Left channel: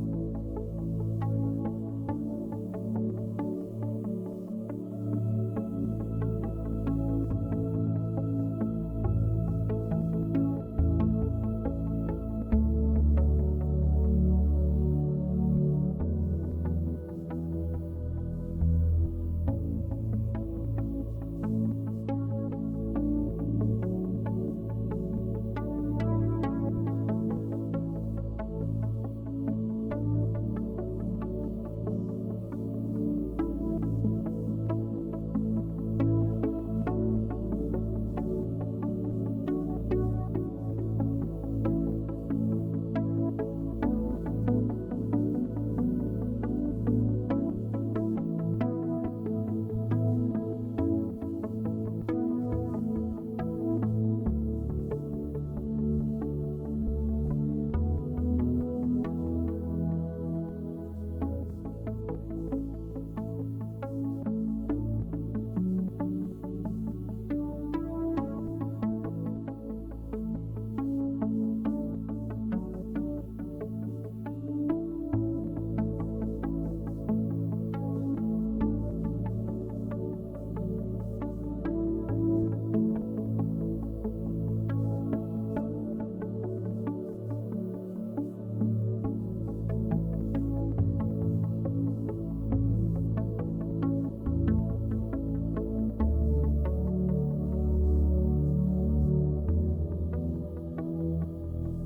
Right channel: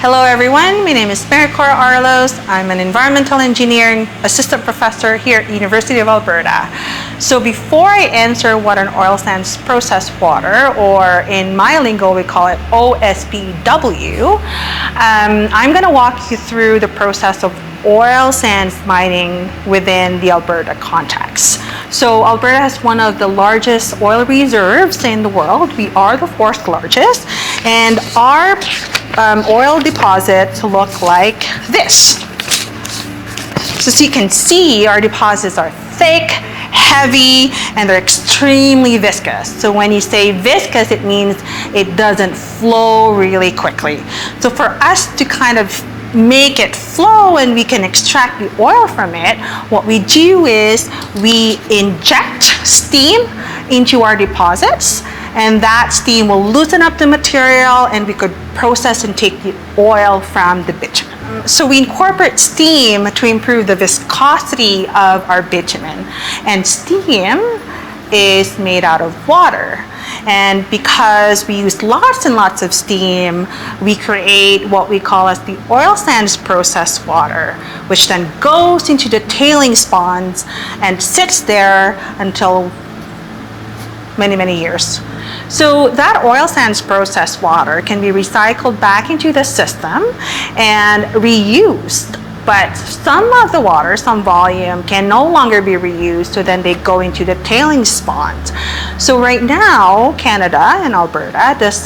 Hello everyone, my name is Maricor Arlos. I'm an environmental engineering assistant professor here at University of Alberta. So before I answer what an oil sands process water, or in my lingo we call it OSPW, I'm going to walk you through the process of oil sands mining within the Alberta context. So Alberta has one of the largest oil reserves in the world. We are the fourth largest, and our oil deposits look like this. So as you can see, our deposits are thick, heavy, and they're extremely viscous. So when you say viscous, it means it doesn't flow really quickly. So for us to kind of make it flow and we can extract the oil from it, what we do is we inject steam into our deposits, and that steam will loosen up the material and we could process and take the oil from the bitumen. So we incorporate steam to improve the viscosity of our bitumen, and steam is made out of water. And because we use lots and lots of steam, we create what we call as the oil sands process water, which then goes into the tailings ponds and sits there until many, many years. So that oil sands process water can be recycled back into the system and reused. But some of the water, some volume, can no longer be reused, so then they go into the tailings ponds. So right now, Canada and Alberta does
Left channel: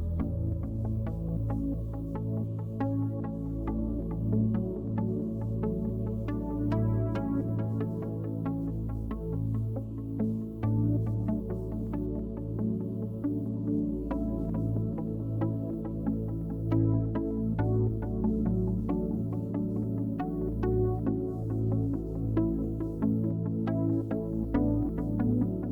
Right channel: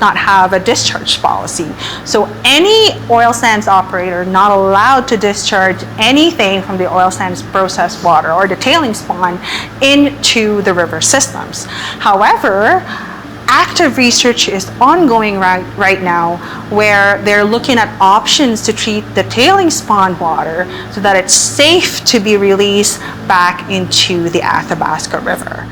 not have a discharge policy. So any oil sands operator not allowed to discharge anything from the oil sands process water or the tailings pond into the river systems. However, active research is ongoing right now where they're looking at options to treat the tailings pond water so that it's safe to be released back into the Athabasca River.